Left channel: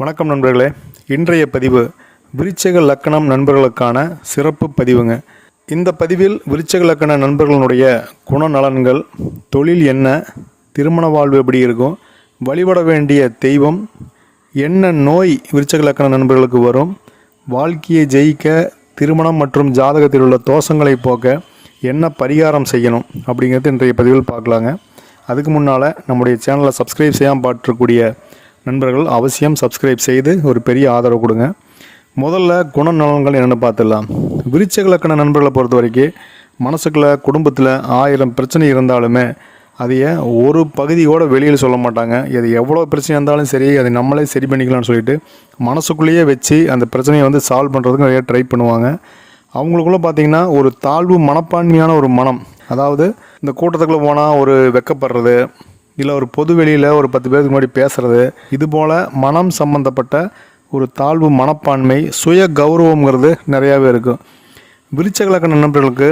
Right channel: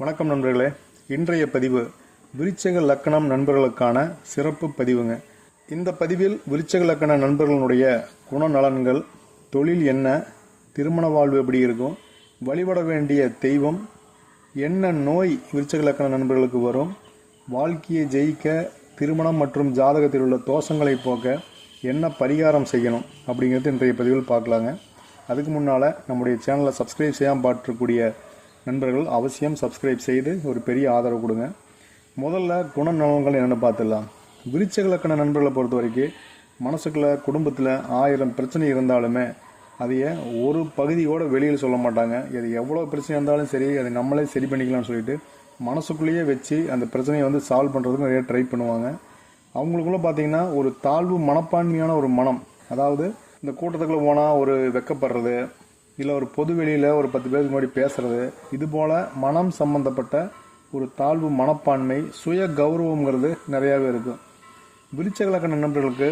வணக்கம் நண்பர்களே. இன்றைய பதிவு விருச்சக லக்கணம் நண்பர்களுக்கான சிறப்பு பதிவுங்க. இந்த பதிவில் விருச்சக லக்கண நண்பர்களுடைய குணநலன்கள் தொழில் என்ன திருமண வாழ்வு எப்படி இருக்கும் வழிபட வேண்டிய தெய்வம் என்ன நோய் விருச்சக லக்கண நண்பர்களுக்கு வரும் வாழ்க்கையை ஜெயிக்க திருமணம் மற்றும் ஜாதகத்தில் உள்ள தோஷங்களை போக்க என்ன பரிகாரம் செய்யணும் அப்படிங்கிறது இன்றைய பதிவில் பார்க்கலாங்க. அதுக்கு முன்னால் நம்முடைய சேனலை சப்ஸ்கிரைப் செய்யாமல் பார்த்துக்கூடிய நண்பர்கள் அவசியம் சப்ஸ்கிரைப் செய்து ஒரு பெரிய ஆதரவு கொடுங்க. முதல்ல குணநலன்கள் என்னென்னு பார்த்துடலாம். விருச்சக லக்கண நண்பர்களை பொறுத்த வரைக்கும் மனசுக்குள்ள குடும்பத்தில் ஆயிரம் பிரச்சனை இருந்தாலுமே அதைய ஒரு பகுதியோட வெளியில் சொல்ல மாட்டாங்க. இது எவ்வளோ பிரச்சனை இருந்தாலும் சரி அதை நம்மளே சரி பண்ணிக்கலாம்னு சொல்லிட்டு மனசுக்குள்ளேயே வச்சு அந்த பிரச்சனையை வந்து சால்வ் பண்ணுறதுக்கு நிறைய ட்ரை பண்ணுவாங்க. அவங்களுக்குள்ளே பார்த்தீங்கன்னா ஒரு தாழ்வு மனப்பான்மையான ஒரு மனம். அதாவது இந்த கூட்டத்துக்குள்ளே போனால் ஒரு வெக்கப்படுறது இல்லை ஒரு பொது வெளியில் ஒரு பத்து பேருக்கு முன்னாடி பேசுகிறது இது போல் மனம் சம்மந்தப்பட்ட ஒரு தாழ்வு மனப்பான்மை சுய கௌரவங்கிறது நிறையாவே இருக்கும் விருச்சகலக்க நண்பர்களுக்கு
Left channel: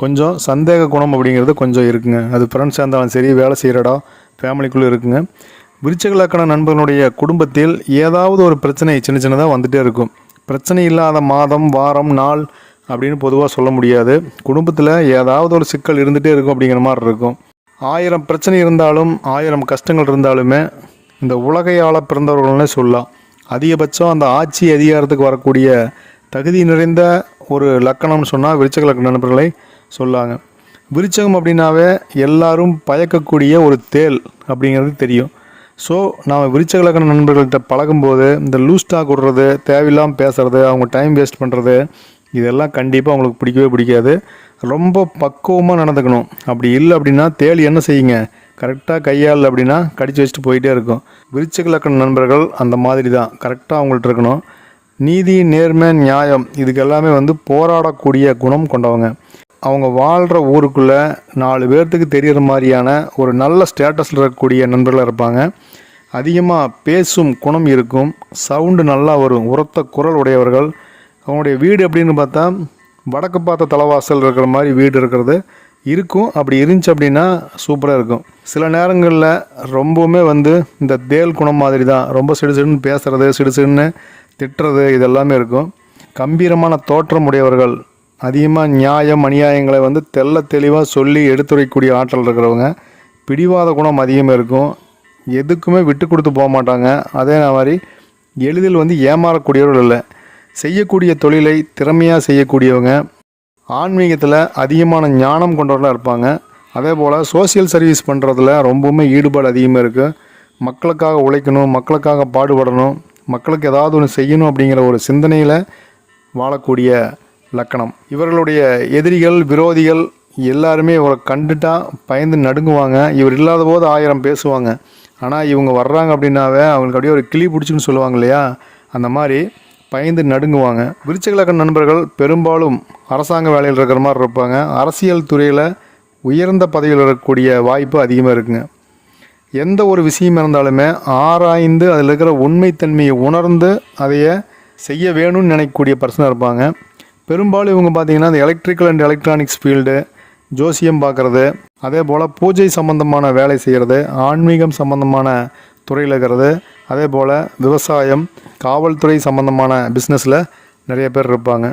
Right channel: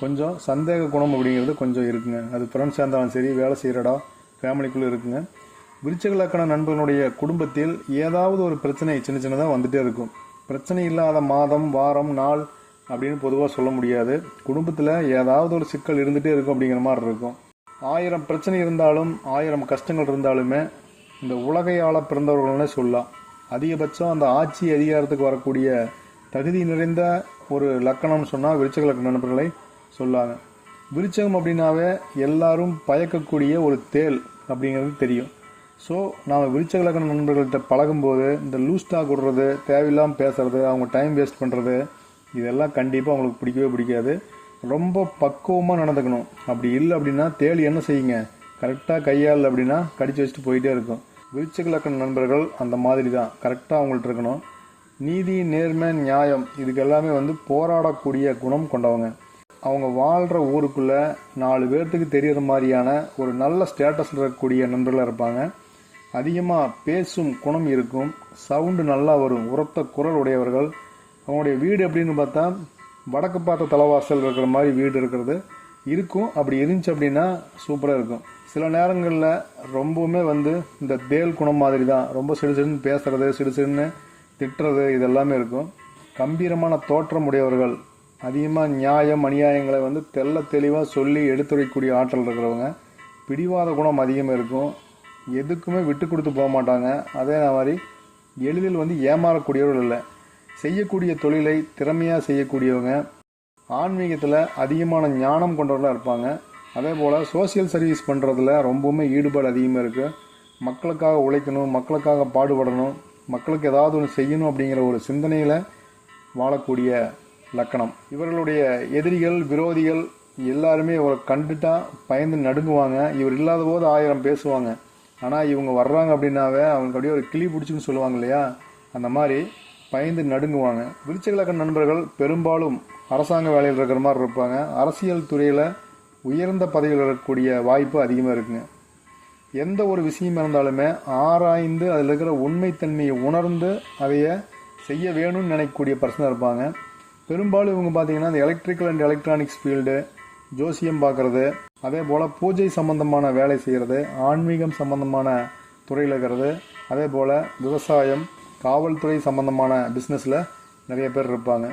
கொஞ்சம் சந்தேக குணம் அப்படிங்கிறது கொஞ்சம் இருக்குங்க. அது ஃப்ரெண்ட்ஸாக இருந்தாலும் சரி வேலை செய்கிற இடம் ஃபேமிலிக்குள்ளே இருக்குங்க. விருச்சகலக்கண நண்பர்களுடைய குடும்பத்தில் ஏதாவது ஒரு பிரச்சனை சின்ன சின்னதாக வந்துகிட்டே இருக்கும். பிரச்சனை இல்லாத மாதம் வாரம் நாள் அப்படின்னு பொதுவாக சொல்ல முடியாது. குடும்பத்தில் ஏதாவது ஒரு சிக்கல் இருந்துகிட்டே இருக்கும் அப்படிங்கிற மாதிரி இருக்கும். ஆயிரம் பிரச்சனை இருந்தாலும் ஆயிரம் கஷ்டங்கள் இருந்தாலுமே இந்த உலகையாள பிறந்தவர்கள்னே சொல்லலாம். அதிகபட்சம் அந்த ஆட்சி அதிகாரத்துக்கு வரக்கூடிய தகுதி நிறைந்த ஒரு லக்கணம்னு சொன்னால் விருச்சக லக்கண நண்பர்களை சொல்லாங்க. விருச்சகம் அப்படின்னாவே எல்லாரும் பயக்கக்கூடிய ஒரு தேல் அப்படிங்கிறது தெரியும். ஸோ நாம் விருச்சக லக்கண நண்பர்கள்ட்ட பழகும்போது இந்த லூஸ் டாக் விடுறது தேவையில்லாமல் பேசுகிறது அவங்க டைம் வேஸ்ட் பண்ணுறது இதெல்லாம் கண்டிப்பாக அவங்களுக்கு பிடிக்கவே பிடிக்காது. ரொம்ப பக்குவமாக நடந்துக்கணும். அப்படி இல்லை அப்படின்னா தேள் என்ன செய்யுங்க? கரெக்டாக கையால் அப்படின்னா கடிச்சு வச்சுட்டு போயிட்டே இருக்கும். விருச்சக லக்கண நண்பர்கள் அந்த மாதிரி தான் கரெக்டாக அவங்கள்ட்ட இருக்கணும். நீதி நேர்மை நியாயம் இதுக்கு எல்லாமே வந்து போராடக்கூடிய குணம் கொண்டவங்க. அவங்க வாழ்கிற ஊருக்குள்ளே நாலு பேர்த்துக்கு தெரிகிற மாதிரியான ஒரு நல்ல ஸ்டேட்டஸில் இருக்கக்கூடிய நண்பர்களாக இருப்பாங்க. அதிகமாக பேசும் குணம் இருக்கும். சவுண்டு நல்லா வரும். உரத்த குரல் உடையவர்கள். அவங்களுடைய வீடு எப்படின்னு பார்த்தா வடக்கு பார்த்த தலைவாசல் இருக்கிற மாதிரி வீடு இருக்கிறது. இருக்கும். அப்படி இருந்துச்சு அப்படின்னா சூப்பராக இருக்கும். சில நேரங்களில் ரொம்பவுமே வந்து இந்த தேல் குணம் மாதிரி தான். ரொம்ப சிடு சிடுன்னு பேசுகிறது சிடு சிடுன்னு திட்டுறது இதெல்லாமே இருக்கும். கம்பீரமான தோற்றம் உடையவர்கள் அதிகமாக நியாயம் அநியாயங்களை வந்து தெள்ள தெளிவாக சொல்லி எடுத்துரைக்கக்கூடிய ஆற்றல் இருக்கிறவங்க பிடிவாத குணம் அதிகமாக இருக்கும். எதுக்குமே விட்டு கொடுத்து போக மாட்டாங்க. அதே மாதிரி எளிதில் வந்து ஏமாறக்கூடியவர்கள் இல்லை. செய்யக்கூடிய தொழிலை திறமையாக செய்யக்கூடியவங்க ஆன்மீகத்தில் அதிகமான ஞானம் கொண்டவர்களாக இருப்பாங்க. அதே போல் சோசியல் சர்வீஸ் பண்ணுறதுல ரொம்பவுமே ஈடுபாடு அதிகமாக இருக்குது மக்களுக்காக உழைக்கணும் மக்களுக்காக பாடுபடணும் மக்களுக்கு ஏதாவது ஒன்று செய்யணும் அப்படிங்கிற ஒரு சிந்தனையில் வாழக்கூடிய லக்கணம். இவர்களுடைய எதிரிகள் விரோதிகள் எல்லாருமே இவரை கண்டுட்டா பயந்து நடுங்குவாங்க. இவர் இல்லாத போது ஆயிரம் பேசுவாங்க. ஆனால் இவங்க வர்றாங்க அப்படின்னாவே அவங்களுக்கு அப்படியே ஒரு கிளி பிடிச்சின்னு சொல்லுவாங்க இல்லையா? அந்த மாதிரி பயந்து நடுங்குவாங்க. விருச்சகலக்கண நண்பர்கள் பெரும்பாலும் அரசாங்க வேலையில் இருக்கிற மாதிரி இருப்பாங்க. அரசியல் துறையில் உயர்ந்த பதவியில் இருக்கக்கூடிய வாய்ப்பு அதிகமாக இருக்குங்க. எந்த ஒரு விஷயம் இருந்தாலுமே ஆராய்ந்து அதில் இருக்கிற உண்மைத்தன்மையை உணர்ந்து அதைய செய்ய வேணும்னு நினைக்கக்கூடிய பர்சனாக இருப்பாங்க. பெரும்பாலும் இவங்க பார்த்தீங்கன்னா இந்த எலக்ட்ரிக்கல் அண்ட் எலக்ட்ரானிக்ஸ் ஃபீல்டு ஜோசியம் பார்க்குறது அதே போல் பூஜை சம்பந்தமான வேலை செய்கிறது ஆன்மீகம் சம்பந்தமான துறையில் இருக்கிறது அதே போல் விவசாயம் காவல்துறை சம்பந்தமான பிஸ்னஸில் நிறைய பேர் இருப்பாங்க.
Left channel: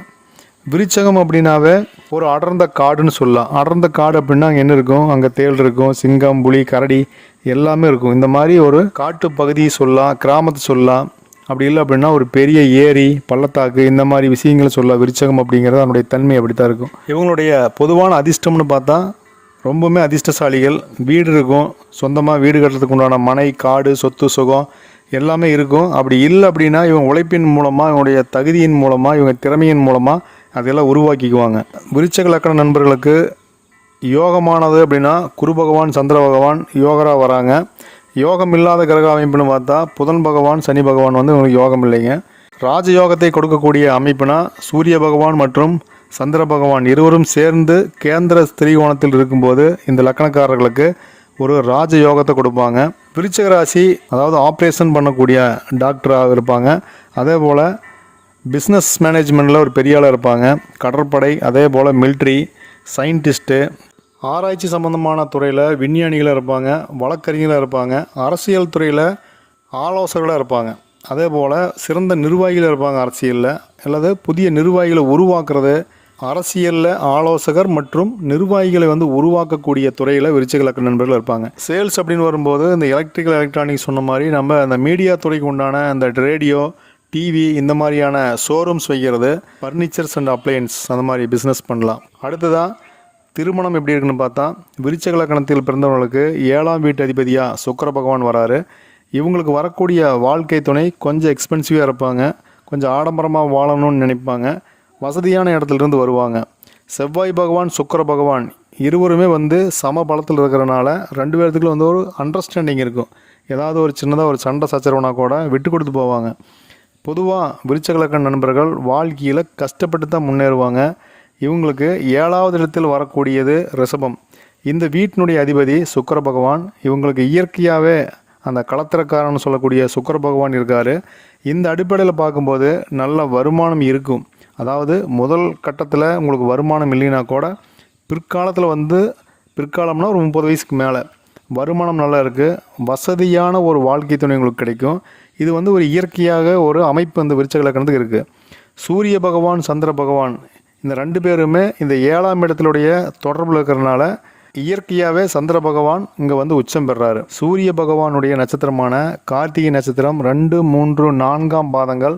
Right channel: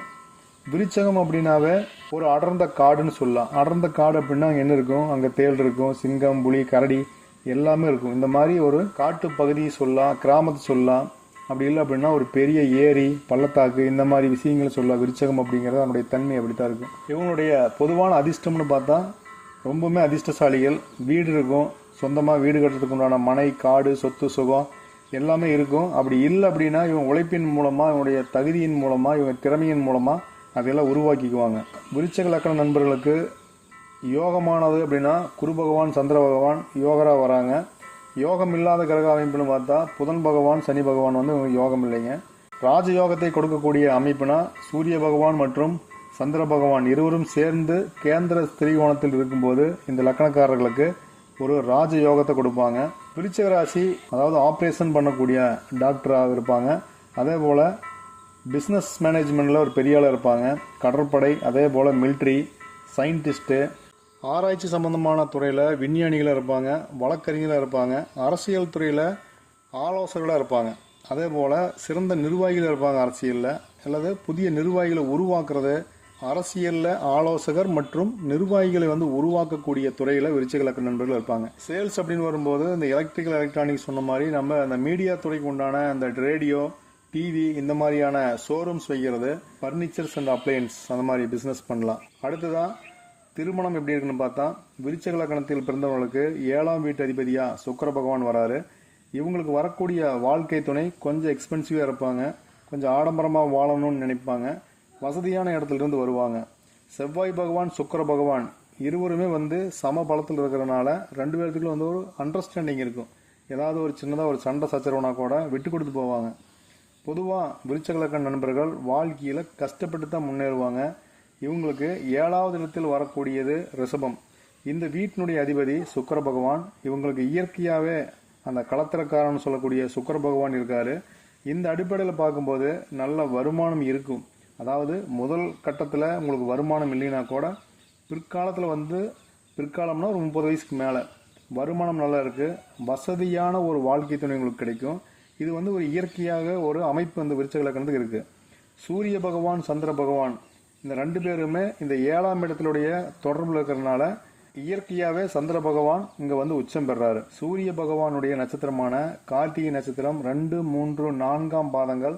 விருச்சகம் அப்படின்னாவே ஒரு அடர்ந்த காடுன்னு சொல்லலாம். அடர்ந்த காடு அப்படின்னா அங்கே என்ன இருக்கும்? அங்கே தேள் இருக்கும் சிங்கம் புலி கரடி எல்லாமே இருக்கும். இந்த மாதிரி ஒரு காட்டு பகுதியை சொல்லலாம் கிராமத்தை சொல்லலாம். அப்படி இல்லை அப்படின்னா ஒரு பெரிய ஏரி பள்ளத்தாக்கு இந்த மாதிரி விஷயங்களை சொல்லலாம். விருச்சகம் அப்படிங்கிறது அதனுடைய தன்மை அப்படி தான் இருக்கும். இவங்களுடைய பொதுவான அதிர்ஷ்டம்னு பார்த்தா ரொம்பவுமே அதிர்ஷ்டசாலிகள். வீடு இருக்கும். சொந்தமாக வீடு கட்டுறதுக்கு உண்டான மனை காடு சொத்து சுகம் எல்லாமே இருக்கும். அப்படி இல்லை அப்படின்னா இவங்க உழைப்பின் மூலமாக இவனுடைய தகுதியின் மூலமாக இவங்க திறமையின் மூலமாக அதெல்லாம் உருவாக்கிக்குவாங்க. விருச்சக லக்கண நண்பர்களுக்கு யோகமானது அப்படின்னா குரு பகவான் சந்திர பகவான் யோகராக வராங்க. யோகம் இல்லாத கிரக அமைப்புன்னு பார்த்தா புதன் பகவான் சனி பகவான் வந்து இவங்களுக்கு யோகம் இல்லைங்க. ராஜயோகத்தை கொடுக்கக்கூடிய அமைப்புனா சூரிய பகவான் மற்றும் சந்திர பகவான் இருவரும் சேர்ந்து கேந்திர ஸ்திரீகோணத்தில் இருக்கும்போது இந்த லக்கணக்காரர்களுக்கு ஒரு ராஜ யோகத்தை கொடுப்பாங்க. விருச்சக ராசி அதாவது ஆப்ரேஷன் பண்ணக்கூடிய டாக்டராக இருப்பாங்க. அதே போல் பிஸ்னஸ் மேனேஜ்மெண்ட்டில் ஒரு பெரிய ஆளாக இருப்பாங்க. கடற்படை அதே போல் மில்ட்ரி சயின்டிஸ்ட்டு ஆராய்ச்சி சம்பந்தமான துறையில் விஞ்ஞானிகளாக இருப்பாங்க வழக்கறிஞராக இருப்பாங்க அரசியல் துறையில் ஆலோசகர்களாக இருப்பாங்க. அதே போல் சிறந்த நிர்வாகிகள் இருப்பாங்க அரசியலில். அல்லது புதிய நிர்வாகிகளை உருவாக்குறது அரசியலில் ஆலோசகர் மற்றும் நிர்வாகிகளை வந்து உருவாக்கக்கூடிய துறையில் விருச்சிக லக்கண நண்பர்கள் இருப்பாங்க. சேல்ஸ் அப்படின்னு வரும்போது இந்த எலக்ட்ரிக்கல் எலக்ட்ரானிக்ஸ் சொன்ன மாதிரி நம்ம அந்த மீடியா துறைக்கு உண்டான அந்த ரேடியோ டிவி இந்த மாதிரியான ஷோரூம்ஸ் வைக்கிறது ஃபர்னிச்சர்ஸ் அண்ட் அப்ளையன்ஸ் அந்த மாதிரி பிஸ்னஸ் பண்ணலாம். அடுத்ததாக திருமணம் எப்படி இருக்குன்னு பார்த்தா விருச்சக லக்கணத்தில் பிறந்தவர்களுக்கு ஏழாம் வீட்டு அதிபதியாக சுக்கர பகவான் வராரு. இவங்களுக்கு வரக்கூடிய வாழ்க்கை துணை கொஞ்சம் எக்ஸ்பென்சிவாக இருப்பாங்க. கொஞ்சம் ஆடம்பரமாக வாழணும்னு நினைப்பாங்க. வசதியான இடத்துலேருந்து வருவாங்க. செவ்வாய் பகவான் சுக்கர பகவான் இருவருமே வந்து சம பலத்தில் இருக்கிறனால ரெண்டு பேர்த்துக்குள்ள வந்து ஒரு அண்டர்ஸ்டாண்டிங் இருக்கும். ஏதாவது ஒரு சின்னதாக ஒரு சண்டை சச்சரவுனா கூட விட்டு கொடுத்து போவாங்க. பொதுவாக விருச்சகலக்கண நண்பர்கள் வாழ்க்கையில் கஷ்டப்பட்டு தான் முன்னேறுவாங்க. இவங்களுக்கு ஏழாவது இடத்தில் வரக்கூடியது ரிஷபம். இந்த வீட்டினுடைய அதிபதி சுக்கர பகவான் இவங்களுக்கு இயற்கையாகவே அந்த களத்திரக்காரன்னு சொல்லக்கூடிய சுக்கர பகவான் இருக்கார். இந்த அடிப்படையில் பார்க்கும்போது நல்ல வருமானம் இருக்கும். அதாவது முதல் கட்டத்தில் உங்களுக்கு வருமானம் இல்லைன்னா கூட பிற்காலத்தில் வந்து பிற்காலம்னா ஒரு முப்பது வயசுக்கு மேலே வருமானம் நல்லா இருக்குது வசதியான ஒரு வாழ்க்கை துணை உங்களுக்கு கிடைக்கும். இது வந்து ஒரு இயற்கையாக ஒரு அமைப்பு அந்த விருச்சக லக்கணத்துக்கு இருக்குது சூரிய பகவான் சந்திர பகவான் இந்த ரெண்டு பேருமே இந்த ஏழாம் இடத்துடைய தொடர்பில் இருக்கிறனால இயற்கையாகவே சந்திர பகவான் இங்கே வந்து உச்சம் பெறாரு. சூரிய பகவானுடைய நட்சத்திரமான கார்த்திகை நட்சத்திரம் ரெண்டு மூன்று நான்காம் பாதங்கள்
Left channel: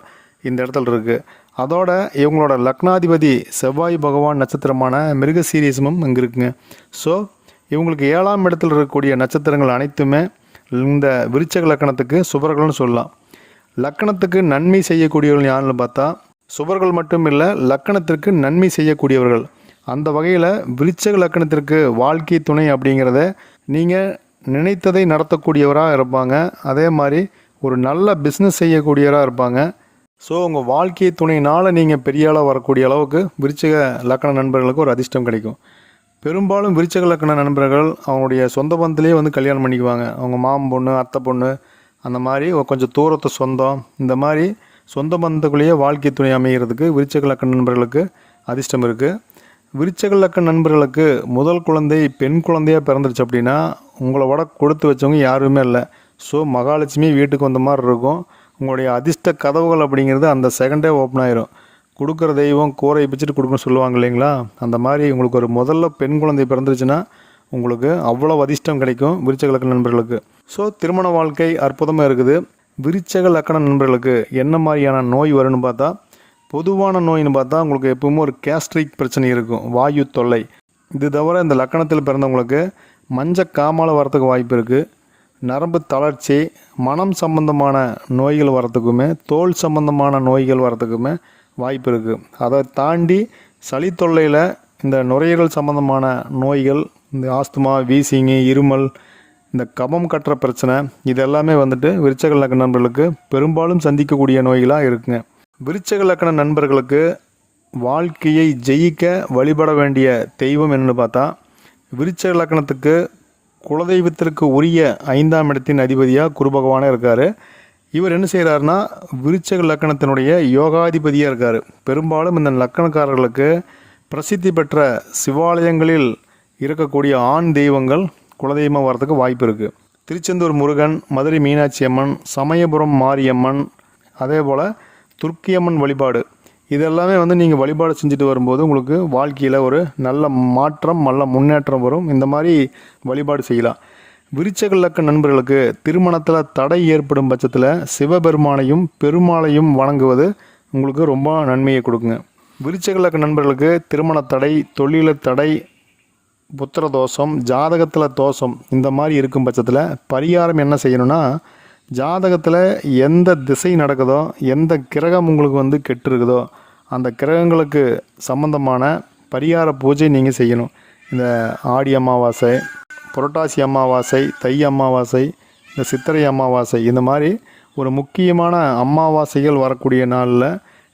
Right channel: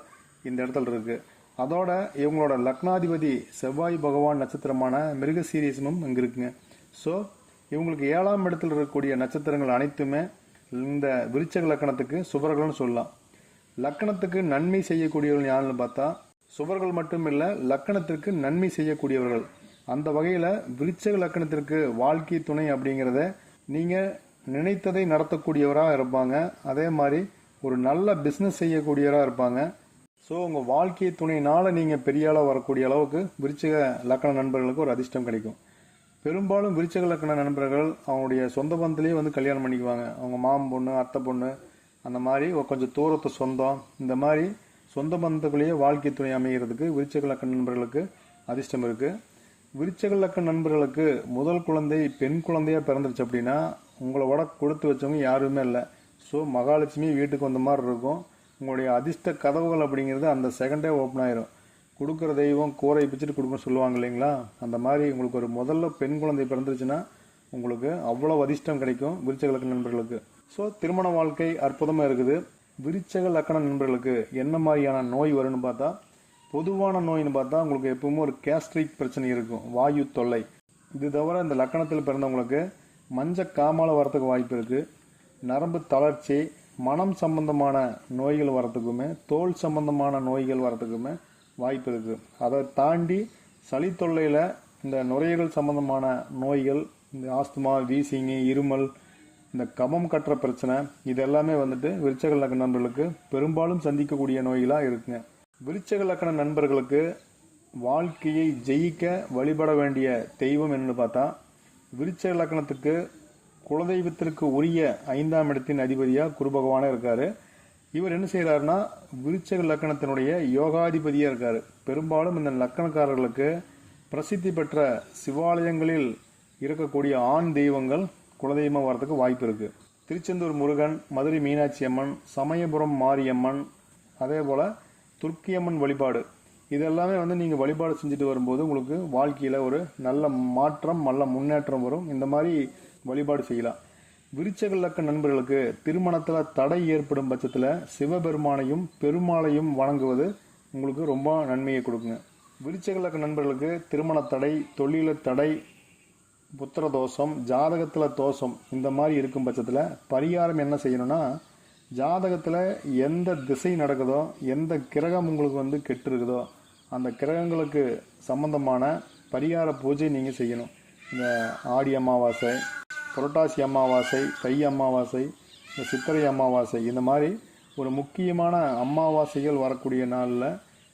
இந்த இடத்துல இருக்குது அதோட இவங்களோட லக்னாதிபதி செவ்வாய் பகவான் நட்சத்திரமான மிருக சீரியஸமும் இங்கே இருக்குங்க. ஸோ இவங்களுக்கு ஏழாம் இடத்தில் இருக்கக்கூடிய நட்சத்திரங்கள் அனைத்துமே இந்த விருச்சக லக்கணத்துக்கு சுபர்கள்னு சொல்லலாம். லக்கணத்துக்கு நன்மை செய்யக்கூடியவர்கள் யாருன்னு பார்த்தா சுபர்கள் மட்டும் இல்லை லக்கணத்திற்கு நன்மை செய்யக்கூடியவர்கள். அந்த வகையில் விருச்சக லக்கணத்திற்கு வாழ்க்கை துணை அப்படிங்கிறத நீங்கள் நினைத்ததை நடத்தக்கூடியவராக இருப்பாங்க. அதே மாதிரி ஒரு நல்ல பிஸ்னஸ் செய்யக்கூடியவராக இருப்பாங்க. ஸோ உங்கள் வாழ்க்கை துணையினால் நீங்கள் பெரிய ஆளாக வரக்கூடிய அளவுக்கு விருச்சக லக்கண நண்பர்களுக்கு ஒரு அதிர்ஷ்டம் கிடைக்கும். பெரும்பாலும் விருச்சக லக்கண நண்பர்கள் அவங்களுடைய சொந்த பந்தத்திலே வந்து கல்யாணம் பண்ணிக்குவாங்க. அவங்க மாமன் பொண்ணு அத்தை பொண்ணு அந்த மாதிரி கொஞ்சம் தூரத்து சொந்தம். இந்த மாதிரி சொந்த பந்தத்துக்குள்ளேயே வாழ்க்கை துணை அமைகிறதுக்கு விருச்சக லக்கண நண்பர்களுக்கு அதிர்ஷ்டம் இருக்குது விருச்சக லக்கண நண்பர்களுக்கு முதல் குழந்தை பெண் குழந்தையாக பிறந்துருச்சு அப்படின்னா உங்களை விட கொடுத்து வச்சவங்க யாருமே இல்லை. ஸோ மகாலட்சுமி வீட்டுக்கு வந்த மாதிரி இருக்கும். உங்களுடைய அதிர்ஷ்ட கதவுகள் அப்படிங்கிறது அந்த செகண்டே ஓப்பன் ஆயிரும். கொடுக்குற தெய்வம் கூரை பிச்சுட்டு கொடுக்கணும்னு சொல்லுவாங்க இல்லைங்களா? அந்த மாதிரி உங்களுக்கு ஒரு முதல்ல பெண் குழந்தை பிறந்துருச்சுன்னா உங்களுக்கு அவ்வளோ அதிர்ஷ்டம் கிடைக்கும் விருச்சக லக்கண நண்பர்களுக்கு. ஸோ திருமண வாழ்க்கை அற்புதமாக இருக்குது. விருச்சக லக்கண நண்பர்களுக்கு என்ன மாதிரியான நோய் வரும்னு பார்த்தா பொதுவான நோயின்னு பார்த்தா உங்களுக்கு எப்பவுமே ஒரு கேஸ்ட்ரிக் பிரச்சனை இருக்கும் வாயு தொல்லை. இது தவிர இந்த லக்கணத்தில் பிறந்தவங்களுக்கு மஞ்ச காமால வரத்துக்கு வாய்ப்பு இருக்குது நரம்பு தளர்ச்சி மனம் சம்பந்தமான நோய்கள் வரத்துக்குமே தோல் சம்பந்தமான நோய்கள் வரத்துக்குமே வாய்ப்பு இருக்குது அதை தாண்டி சளி தொல்லையில் இந்த நுரையீரல் சம்பந்தமான நோய்கள் இந்த ஆஸ்துமா வீசிங்கு இருமல் இந்த கபம் கட்டுற பிரச்சனை இது எல்லாமே வந்துட்டு விருச்சக லக்கண நண்பர்களுக்கு பெரும்பாலும் சந்திக்கக்கூடிய நோய்களாக இருக்குங்க. விருச்சக லக்கண நண்பர்களுக்கு வாழ்க்கையை ஜெயிக்க வழிபட வேண்டிய தெய்வம் என்னென்னு பார்த்தா விருச்சக லக்கணத்துக்கு குலதெய்வத்திற்கு உரிய ஐந்தாம் இடத்தின் அதிபதியாக குரு பகவானே இருக்கார். இவர் என்ன செய்கிறாருன்னா விருச்சக லக்கணத்தினுடைய யோகாதிபதியாக இருக்கார். பெரும்பாலும் இந்த லக்கணக்காரர்களுக்கு பிரசித்தி பெற்ற சிவாலயங்களில் இருக்கக்கூடிய ஆண் தெய்வங்கள் குலதெய்வம் வரதுக்கு வாய்ப்பு இருக்குது திருச்செந்தூர் முருகன் மதுரை மீனாட்சி அம்மன் சமயபுரம் மாரியம்மன் அதே போல் துர்க்கியம்மன் வழிபாடு இதெல்லாமே வந்து நீங்கள் வழிபாடு செஞ்சுட்டு வரும்போது உங்களுக்கு வாழ்க்கையில் ஒரு நல்ல மாற்றம் நல்ல முன்னேற்றம் வரும். இந்த மாதிரி வழிபாடு செய்யலாம். விருச்சக லக்க நண்பர்களுக்கு திருமணத்தில் தடை ஏற்படும் பட்சத்தில் சிவபெருமானையும் பெருமாளையும் வணங்குவது உங்களுக்கு ரொம்ப நன்மையை கொடுக்குங்க. விருச்சக லக்க நண்பர்களுக்கு திருமண தடை தொழில தடை புத்திர தோஷம் ஜாதகத்தில் தோஷம் இந்த மாதிரி இருக்கும் பட்சத்தில் பரிகாரம் என்ன செய்யணும்னா ஜாதகத்தில் எந்த திசை நடக்குதோ எந்த கிரகம் உங்களுக்கு வந்து கெட்டு இருக்குதோ அந்த கிரகங்களுக்கு சம்பந்தமான பரிகார பூஜை நீங்கள் செய்யணும். இந்த ஆடி அமாவாசை புரட்டாசி அமாவாசை தை அமாவாசை இந்த சித்திரை அமாவாசை இந்த மாதிரி ஒரு முக்கியமான அமாவாசைகள் வரக்கூடிய நாளில்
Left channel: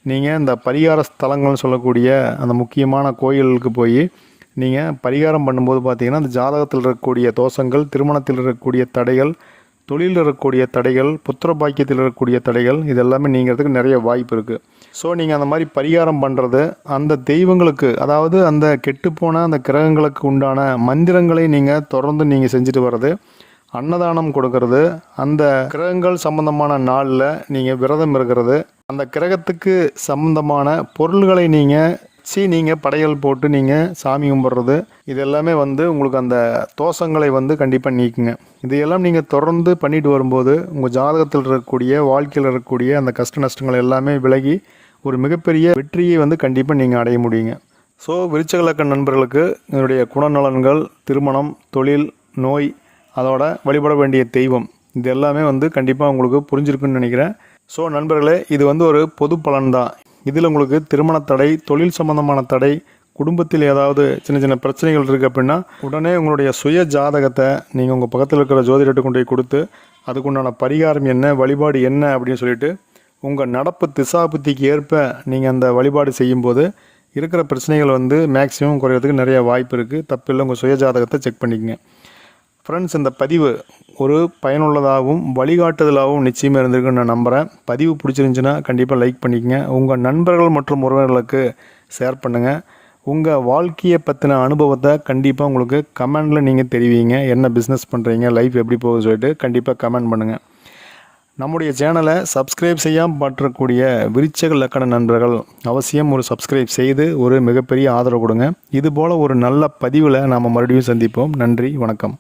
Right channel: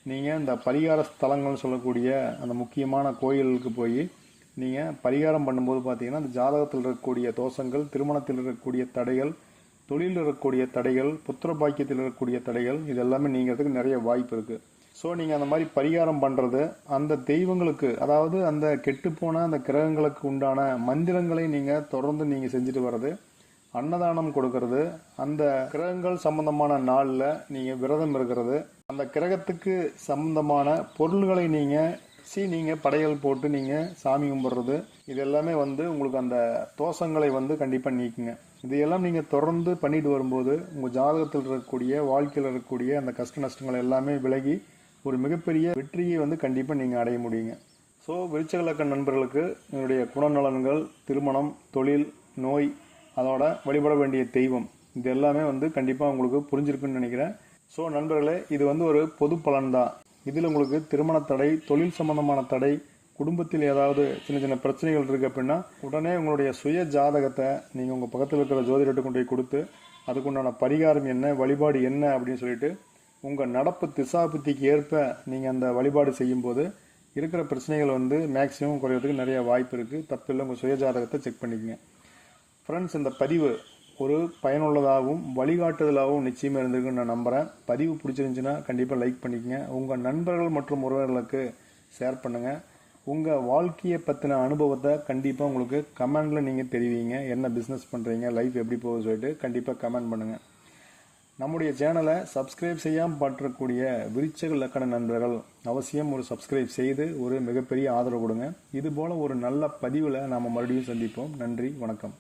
நீங்கள் இந்த பரிகார ஸ்தலங்கள்னு சொல்லக்கூடிய அந்த முக்கியமான கோயிலுக்கு போய் நீங்கள் பரிகாரம் பண்ணும்போது பார்த்தீங்கன்னா அந்த ஜாதகத்தில் இருக்கக்கூடிய தோஷங்கள் திருமணத்தில் இருக்கக்கூடிய தடைகள் தொழிலில் இருக்கக்கூடிய தடைகள் புத்திர பாக்கியத்தில் இருக்கக்கூடிய தடைகள் இதெல்லாமே நீங்கிறதுக்கு நிறைய வாய்ப்பு இருக்குது ஸோ நீங்கள் அந்த மாதிரி பரிகாரம் பண்ணுறது அந்த தெய்வங்களுக்கு அதாவது அந்த கெட்டுப்போன அந்த கிரகங்களுக்கு உண்டான மந்திரங்களை நீங்கள் தொடர்ந்து நீங்கள் செஞ்சுட்டு வர்றது அன்னதானம் கொடுக்கறது அந்த கிரகங்கள் சம்பந்தமான நாளில் நீங்கள் விரதம் இருக்கிறது அந்த கிரகத்துக்கு சம்பந்தமான பொருள்களை நீங்கள் சி நீங்கள் படையல் போட்டு நீங்கள் சாமி கும்பிட்றது இது எல்லாமே வந்து உங்களுக்கு அந்த தோஷங்களை வந்து கண்டிப்பாக நீக்குங்க. இதையெல்லாம் நீங்கள் தொடர்ந்து பண்ணிட்டு வரும்போது உங்கள் ஜாதகத்தில் இருக்கக்கூடிய வாழ்க்கையில் இருக்கக்கூடிய அந்த கஷ்ட நஷ்டங்கள் எல்லாமே விலகி ஒரு மிகப்பெரிய வெற்றியை வந்து கண்டிப்பாக நீங்கள் அடைய முடியுங்க. ஸோ விருச்சகலக்க நண்பர்களுக்கு என்னுடைய குணநலன்கள் திருமணம் தொழில் நோய் அதோட வழிபட வேண்டிய தெய்வம் இது எல்லாமே வந்து கண்டிப்பாக உங்களுக்கு புரிஞ்சிருக்குன்னு நினைக்கிறேன். ஸோ நண்பர்களே இது வந்து ஒரு பொது பலன் தான். இதில் உங்களுக்கு திருமண தடை தொழில் சம்பந்தமான தடை குடும்பத்தில் ஏதாவது சின்ன சின்ன பிரச்சனைகள் இருக்குது அப்படின்னா உடனே உங்களுடைய சுய ஜாதகத்தை நீங்கள் உங்கள் பக்கத்தில் இருக்கிற ஜோதிடத்தை கொண்டு போய் கொடுத்து அதுக்குண்டான பரிகாரம் என்ன வழிபாடு என்ன அப்படின்னு சொல்லிட்டு உங்கள் நடப்பு திசாபுத்திக்கு ஏற்ப நீங்கள் அந்த வழிபாடு செய்யும்போது இருக்கிற பிரச்சனைகள் வந்து மேக்ஸிமம் குறையிறதுக்கு நிறைய வாய்ப்பு இருக்குது. தப்பில்லை உங்கள் சுயஜாதகத்தை செக் பண்ணிக்கங்க. ஃப்ரெண்ட்ஸ் இந்த பதிவு ஒரு பயனுள்ளதாகவும் வழிகாட்டுதலாகவும் நிச்சயமாக இருந்திருக்குன்னு நான் நம்புகிறேன் பதிவு பிடிச்சிருந்துச்சுன்னா கண்டிப்பாக லைக் பண்ணிக்கங்க. உங்கள் நண்பர்கள் மற்றும் உறவினர்களுக்கு ஷேர் பண்ணுங்கள் உங்கள் வாழ்க்கையை பற்றின அனுபவத்தை கண்டிப்பாக உங்களுக்கு கமெண்டில் நீங்கள் தெரிவிங்க. என்ன பிஸ்னஸ் பண்ணுறீங்க லைஃப் எப்படி போகுதுன்னு சொல்லிட்டு கண்டிப்பாக கமெண்ட் பண்ணுங்கள் நம்முடைய சேனலை சப்ஸ்கிரைப் செய்யாமல் பற்றக்கூடிய விருச்சக லக்கண நண்பர்கள் அவசியம் ஒரு சப்ஸ்கிரைப் செய்து ஒரு மிகப்பெரிய ஆதரவு கொடுங்க. இதுபோல் ஒரு நல்ல பதிவில் நாம் மறுபடியும் சந்திப்போம். நன்றி வணக்கம்.